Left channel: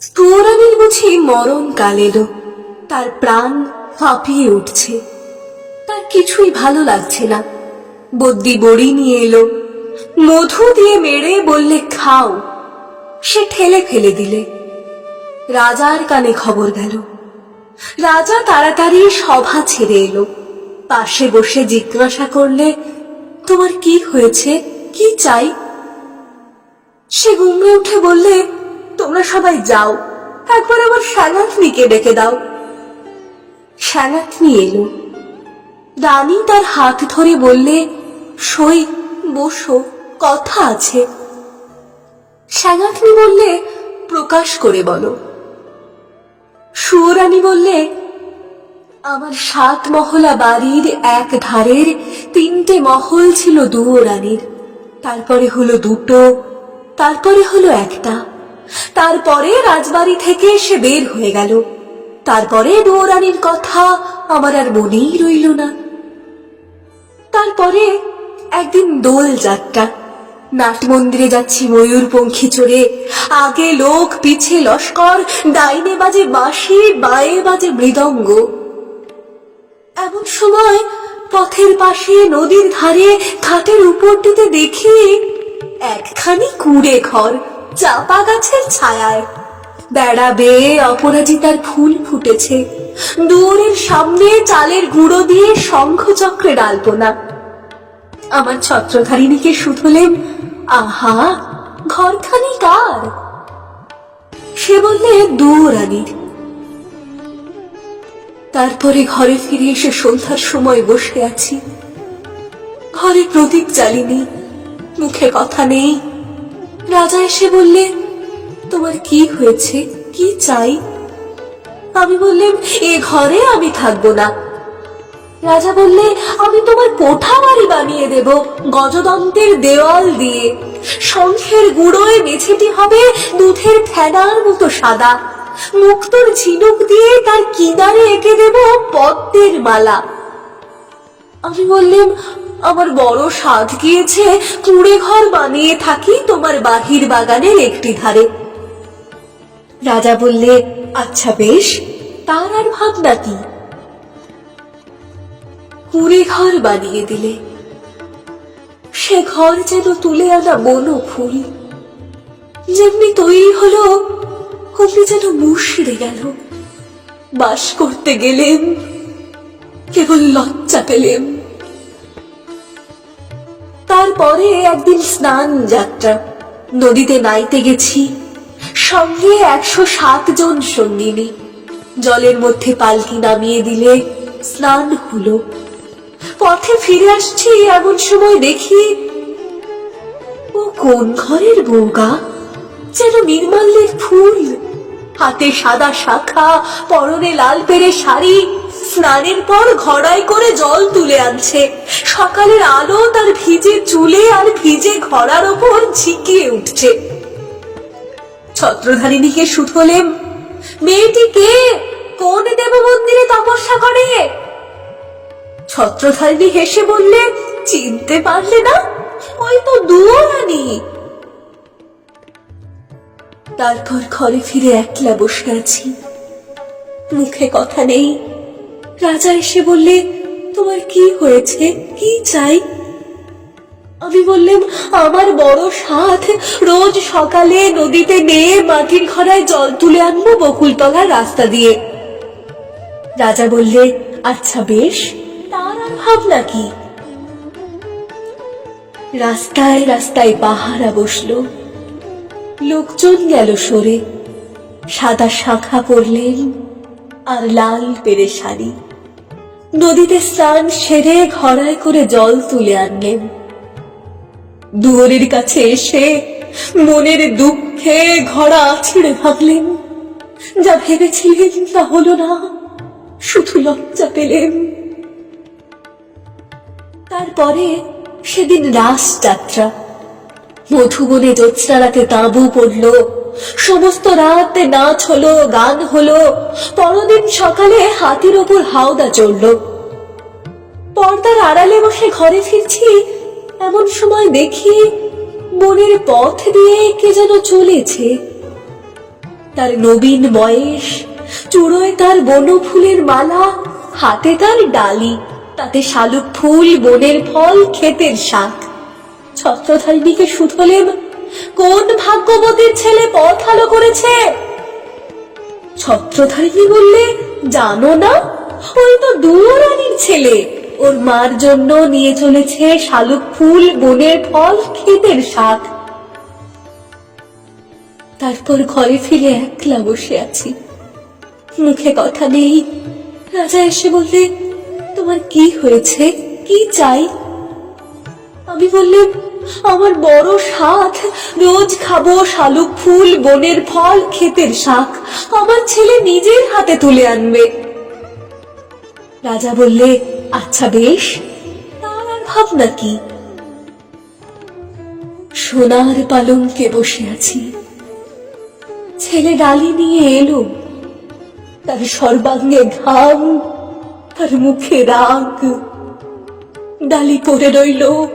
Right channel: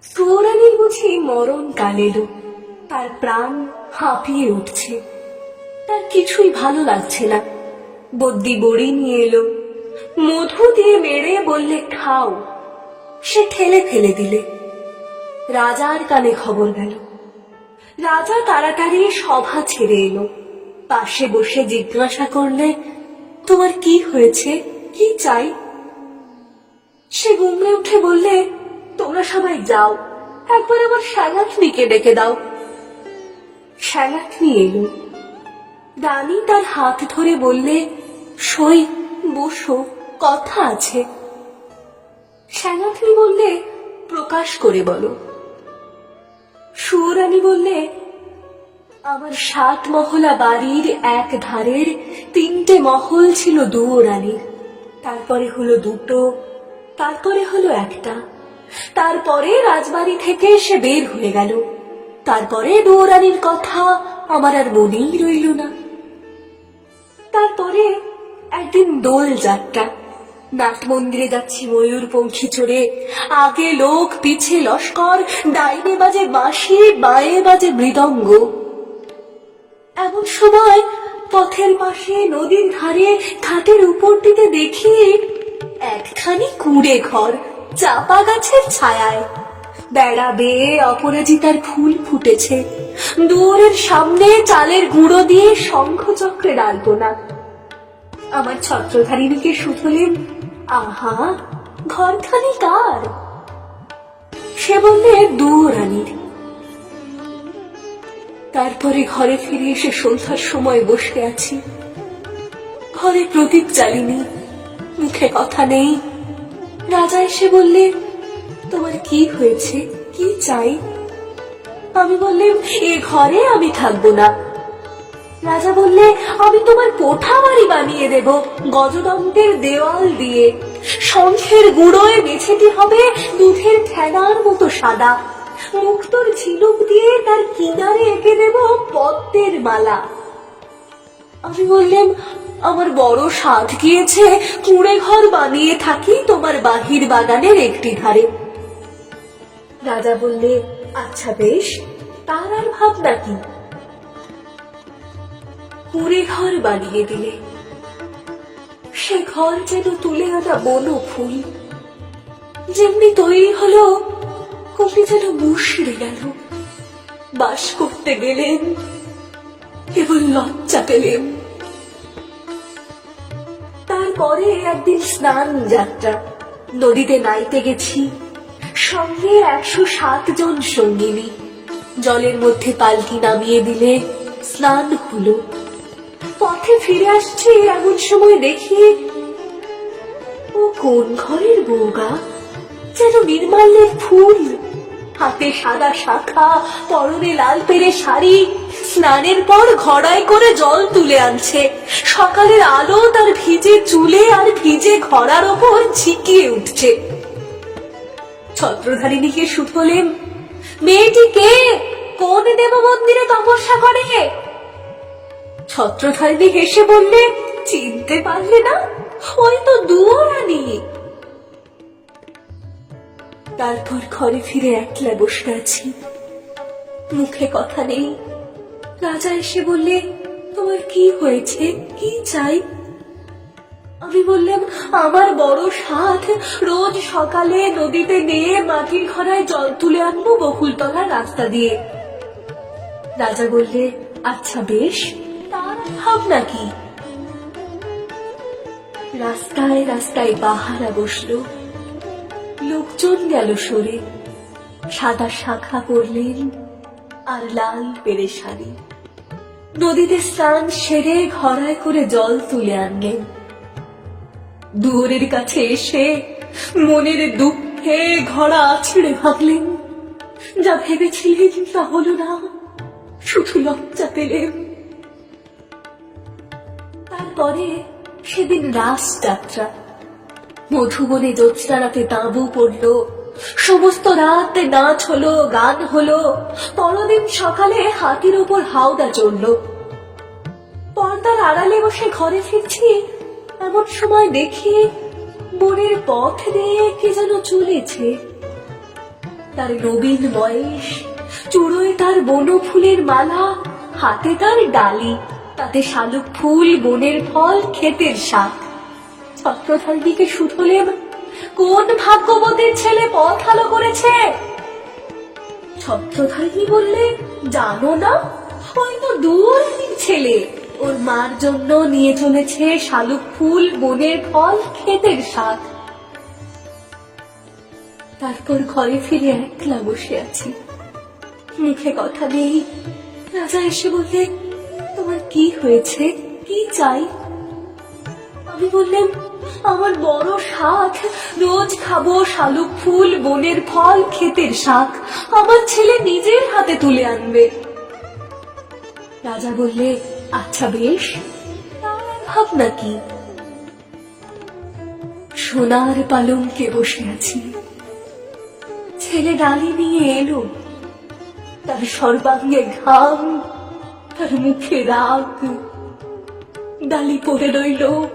স্তোরানির বুঝি মরণ কাল তার প্রাণ হাঁপিয়ে উঠছে। তার কিছুই ভালো লাগছে না। বদ্যি বড়ি নিয়ে এলো। মধু দিয়ে মেরে বললে, খাও। সে ঠেলে ফেলে দিলে। রাজার কানে খবর গেল। রাজা তাড়াতাড়ি সভা ছেড়ে এলো। পাশে বসে জিজ্ঞাসা করলে, তোমার কি হয়েছে? কি চাই? সে গুমড়ে উঠে বললে তোমরা সবাই যাও। একবার আমার শ্যানাথনিকে ডেকে দাও। শ্যানাথনি এলো। রানী তার হাত ধরে বললে, সই, বসো, কথা আছে। শ্যানাথনি বললে, প্রকাশ করে বলো। সুরানী বললে, আমার সাত মহলা বাড়ির এক ধারের তিনটে মহল ছিল দুও দুয়োরানীর। তারপরে হলো দুটো, তারপরে হলো একটা। তারপরে রাজবাড়ি থেকে সে বের হয়ে গেল। তারপরে দুয়োরানীর কথা আমার আর মনেই রইল না। তারপরে একদিন দোল যাত্রা। নাট মন্দিরে যাচ্ছি ময়ূর পঙ্খী চড়ে। আগে লোক পিছে লস্কর, ডাইনে বাজে বাঁশি, বাঁয়ে বাজে মৃদঙ্গ। এমন সময় পথের পাশে নদীর ধারে খাটের উপরটিতে দেখি একখানি কুড়ে ঘর। চাপা গাছের ছায়ায়। বেড়া বেয়ে অপরাজিতার ফুল ফুটেছে। দুয়ারের সামনে চালের গুঁড়ো দিয়ে শঙ্খচক্রে ডালপোনা আমার ছত্রধারিণীকে শুধলেন, আহা, ঘরখানি কার? সে বললে দুরানির তারপরে ঘরে ফিরে এসে সন্ধ্যার সময় বসে আছি। ঘরে প্রদীপ জ্বালিনি, মুখে কথা নেই রাজা এসে বললে, তোমার কি হয়েছে? কি চাই? আমি বললেন এ ঘরে আমি থাকব না। রাজা বললে, আমি তোমার কোঠা বাড়ি বানিয়ে দেব, গজদন্তের দেওয়াল দিয়ে। শঙ্খের গুঁড়োয় মেঝেটি হবে দুধের ফেনার মতো সাদা। মুক্তোর ঝিনুক দিয়ে তার কিনারে এঁকে দেব পদ্মের মালা। আমি বললাম আমার বড় সাধ গিয়েছে। কুড়ে ঘর বানিয়ে থাকি তোমার বাহির বাগানের একটি ধারে। রাজা বললে আচ্ছা বেশ, তার আর ভাবনা কি? কুড়ে ঘর বানিয়ে দিলে। সে ঘর যেন তুলে আনা বনো ফুল। যেমনি তৈরি হলো কবি যেন মুশড়ে গেল। বাস করতে গেলেন, কেবল লজ্জা পেলেন। তারপরে একদিন স্নান যাত্রা। নদীতে নাইতে গেছি। সঙ্গে একশো সাত জন সঙ্গিনী। জলের মধ্যে পালকি নামিয়ে দিলে স্নান হলো। পথে ফিরে আসছি এমন সময় দেখি, ও কোন ঘরের বউগা যেন নির্মাল্যের ফুল। হাতে সাদা শাখা, পরনে লাল পেরে শাড়ি। স্নানের পর ঘড়ায় করে জল তুলে আনছে। সকালের আলো তার ভিজে চুলে আর ভিজে ঘড়ার ওপর ঝিকিয়ে উঠছে। ছত্রধারিণীকে শুধলেম মেয়েটি কে? কোন দেব মন্দিরে তপস্যা করে? ছত্রধারিণী হেসে বললে, চিনতে পারলে না, ওই তো দুয়ারানি তারপর ঘরে ফিরে একলা বসে আছি। মুখে কথা নেই রাজা এসে বললে, তোমার কি হয়েছে? কি চাই? আমি বললাম, আমার বড় সাথ রোজ সকালে নদীতে নেয়ে মাটির ঘরায় জল তুলে আনব বকুলতলার রাস্তা দিয়ে। রাজা বললে আচ্ছা বেশ, তার ভাবনা কি? রাস্তায় রাস্তায় পাহারা বসল। লোকজন গেল সরে। সাদা শাখা পরলেন আর লাল পেরে শাড়ি নদীতে স্নান সেরে ঘড়ায় করে জল তুলে আনলেন। দুয়ারের কাছে এসে মনের দুঃখে ঘড়া আছড়ে ভাবলেন যা ভেবেছিলেন তা হলো না, শুধু লজ্জা পেলেন। তারপরে সেদিন রাস যাত্রা মধুবনে জ্যোৎস্না রাতে তাঁবু পড়ল সমস্ত রাত নাচ হলো, গান হলো। পরদিন সকালে হাতির ওপর হাওদা চড়ল। পর্দার আড়ালে বসে ঘরে ফিরছি, এমন সময় দেখি বনের পথ দিয়ে কে যেন চলেছে। তার নবীন বয়স, চূড়োয় তার বনফুলের মালা, হাতে তার ডালি, তাতে শালুক ফুল, বনের ফল, ক্ষেতের শাক। ছত্রধারিণীকে শুধলেম কোন ভাগ্যবতীর ছেলে পথ আলো করেছে? ছত্রধারিণী বললে? জানো না? ওই তো দুরানির ছেলে। ওর মার জন্য নিয়ে চলেছে শালুক ফুল, বনের ফল, ক্ষেতের শাক। তারপর ঘরে ফিরে একলা বসে আছি। মুখে কথা নেই। রাজা এসে বললে, তোমার কি হয়েছে? কি চাই? আমি বললাম, আমার বড় শাক রোজ খাব শালুক ফুল, বনের ফল, ক্ষেতের শাক। আমার ছেলে নিজের হাতে তুলে আনবে। রাজা বললে আচ্ছা বেশ ভাবনা কি? সোনার পালঙ্কে বসে আছি। ছেলে ডালি নিয়ে এলো। তার সর্বাঙ্গে ঘাম, তার মুখে রাগ। ডালি পড়ে রইল।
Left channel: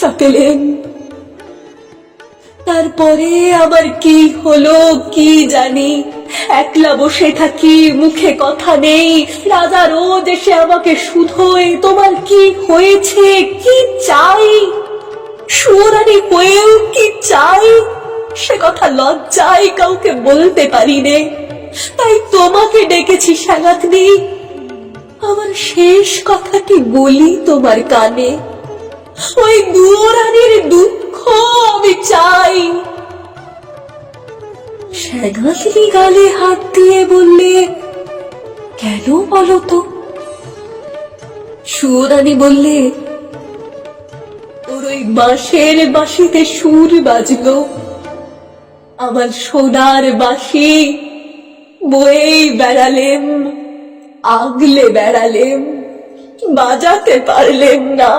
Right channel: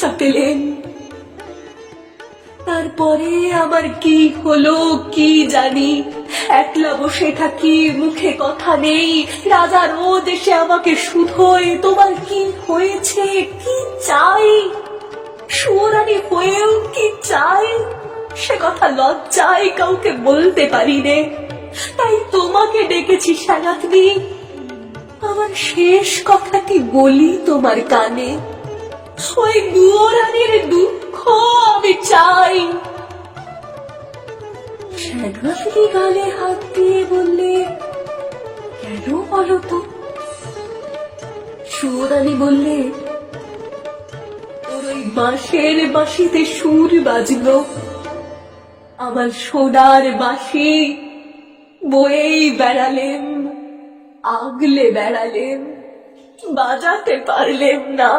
লজ্জা তারপরে আবার কি হলো কি জানি। একলা বসে থাকি, মুখে কথা নেই। রাজা রোজ এসে আমাকে শুধোয়, তোমার কি হয়েছে? কি চাই? সুরানি হয়েও কি চাই? সে কথা লজ্জায় কাউকে বলতে পারি নে তাই তোমাকে ডেকেছি সাগাতনি আমার শেষ কথাটি বলি তোমার কানে। ওই দুয়োরানির দুঃখ আমি চাই। শ্যানাথিনী গালে হাত দিয়ে বললে, কেন বলো তো? সুরানি বললে, ওর ওই বাঁশের বাঁশিতে সুর বাজলো। আমার সোনার বাঁশি বয়েই বেড়ালেম, আগলে বেড়ালেম, বাজাতে পারলেম না।